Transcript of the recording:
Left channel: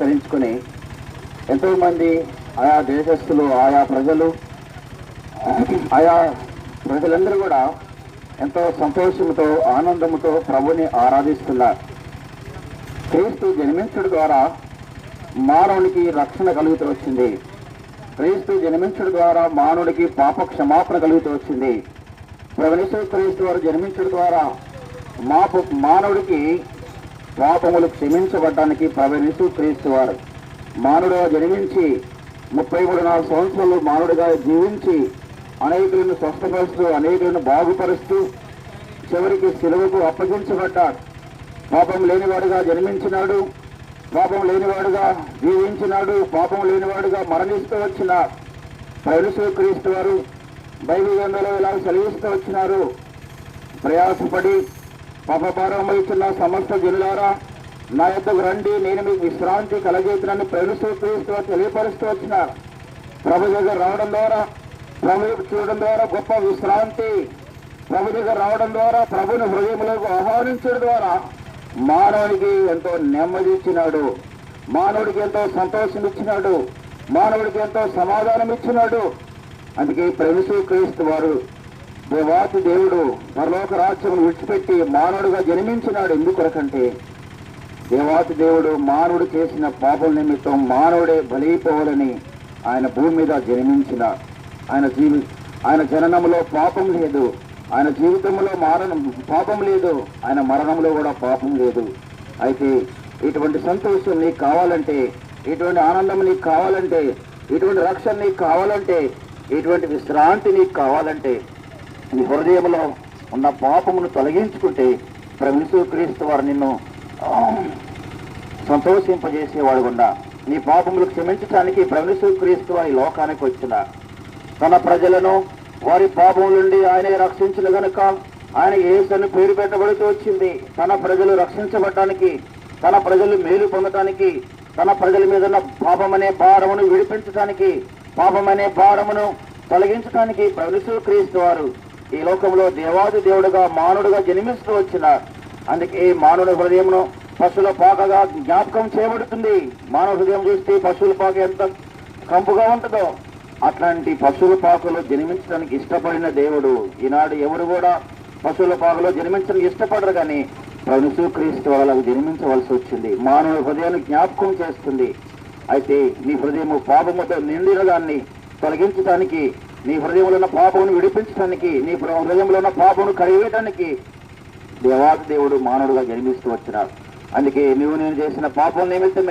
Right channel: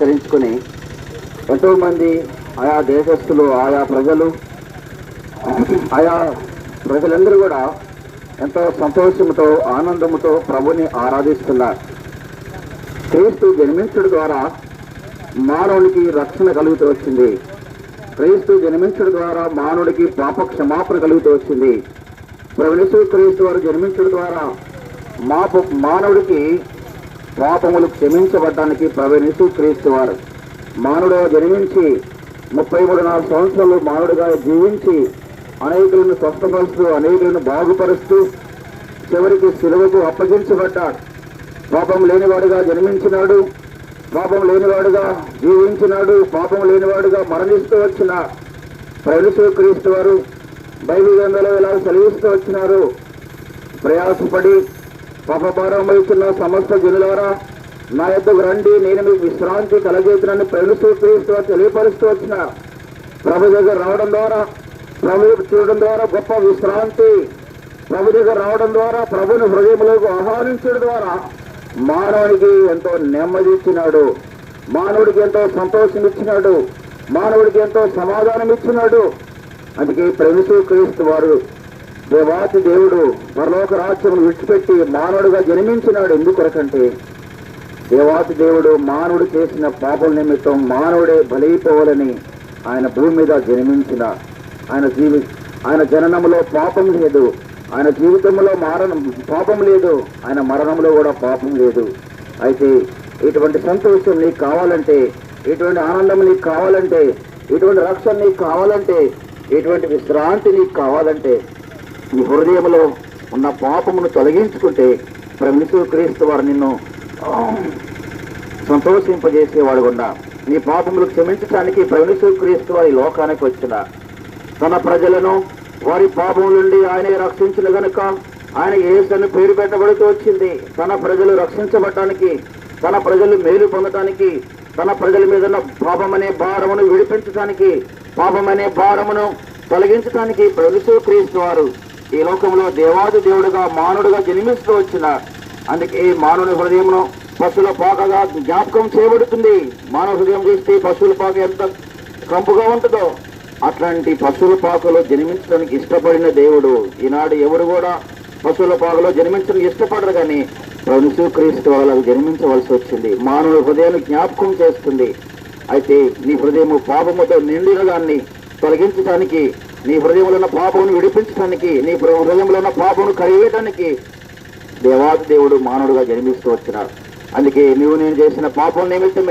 పురస్కరించుకుని ఎంతోమంది ఆయా దేశస్తులు, ఆయా ప్రజలందరూ కూడా ఎంతో సంతోషంతో, ఆనందంతో ప్రభుని ఆరాధిస్తున్నారు. క్రీస్తు జన్మించడం ద్వారా మానవునికి రక్షణ కలుగుతూ వచ్చింది. క్రీస్తు జన్మించడం ద్వారా మానవుడికి పాప క్షమాపణ కలుగుతూ వచ్చింది. ప్రభుయేసు క్రీస్తు వారు జన్మించడం ద్వారా మానవుడికి పాపములు క్షమించబడడానికి ప్రభుయేసు క్రీస్తు వారు మానవుడుగా జన్మించి 33 సంవత్సరాలు మానవుడిగా జీవించి అనేకులను స్వస్థపరుస్తూ, అనేకులను బాగుపరుస్తూ చివరికి శిలువకు అప్పగించబడ్డాడు. పాపం లేనివాడుగా జన్మించినాడు, పాపం లేనివాడుగా జీవించినాడు, పాపం లేనివాడుగా మరణిస్తూ వచ్చిన ప్రభుయేసు క్రీస్తు వారు బైబిల్ గ్రంథంలో ఇలా సెలవిస్తూ వచ్చినారు. ప్రయాసపడి పాపభారం వహిస్తున్న సమస్త జనులారా నా యొద్దకు రండి, నేను మీకు విశ్రాంతి కలగజేస్తున్నానని ప్రభుయేసు క్రీస్తు వారు తెలియపరుస్తూ వచ్చిన ప్రభు దగ్గర రావడం ద్వారా, ప్రభు చూడడం ద్వారా గొప్ప విశ్రాంతి, ప్రభు దగ్గర రావడం ద్వారా, ప్రభుని హృదయంలోకి ఆహ్వానించడం ద్వారా మానవునికి ఎంతో నెమ్మది ఇచ్చినాడు, మానవుడికి ఎంతో సంతోషం ఇచ్చినాడు, మానవుడికి ఎంతో సమాధానం ఇచ్చినాడు. అందుకే ప్రభుయేసు క్రీస్తు వారు దేవాతి దేవుడు పరలోక రాజ్యమును విడిచిపెట్టి మానవుడిగా జన్మించినాడు. ఎందుకొరకంటే దేవాతి దేవుడు మానవుడు చేసిన పాపం నిమిత్తం మానవుడే బలైపోవాలని ఆయన భూమి మీద జన్మించిన ఆయన జననంలో పాపం లేదు, ఆయన జీవితంలో పాపం లేదు, ఆయన మరణంలో కూడా పాపం లేదు. అయితే ఇటువంటి సంతోషం నీకు కావాలంటే, ఇటువంటి ఆనందం నీకు కావాలంటే, ఇటువంటి రక్షణ నీకు కావాలంటే, ఇటువంటి విశ్రాంతి నీకు కావాలంటే నీ హృదయంలో ఉన్న పాపమును తొలగించుకుంటే ప్రభుయేసు క్రీస్తు వారు నిన్ను సంతోషింపజేసేవాడు కూడా. నీ పాపములు క్షమించడానికి ప్రభుయేసు క్రీస్తు వారి లోకానికి వచ్చిన తన ప్రజలను వారి పాపం నుండి ఆయనే రక్షించిన గనుక ఆయన యేసు అని పేరు పెట్టబడుతూ వచ్చింది. తన ప్రజలు రక్షించబడటానికి, తన ప్రజలు మేలు పొందటానికి, తన ప్రజల మీద ఉన్న పాపం అనే భారమును విడిపించడానికి, పాపం అనే భారమును తొలగించడానికి ప్రభుయేసు క్రీస్తు వారు ఈ లోకంలో దేవాది దేవుడుగా మానవుడుగా జన్మిస్తూ వచ్చిన. అందుకే మానవుడి హృదయమును పశువుల పాకగా జ్ఞాపకం చేయబడుతుంది. మానవ హృదయం చూస్తే పశువుల పాక ఎంత కంపుగా ఉంటుందో అట్లాంటి పశువుల పాకలో జన్మించడానికి ఇష్టపడిన దేవుడు. ఈనాడు ఎవరు కూడా పశువుల పాకలో జన్మించడానికి ఇష్టపడరు, కానీ ప్రభుయేసు క్రీస్తు వాళ్ళకు జన్మించవలసి వచ్చింది. మానవుడి హృదయాన్ని జ్ఞాపకం చేస్తుంది. అయితే నీ హృదయము పాపముతో నిండిన దాన్ని తొలగించడానికి, నీ హృదయంలో ఉన్న పాపమును విడిపించడానికి, నీ హృదయంలో ఉన్న పాపమును కడిగేయడానికి దేవాది దేవుడు మానవుడుగా జన్మిస్తూ వచ్చినాడు. అందుకే నేను చేసిన పాపం నిమిత్తమే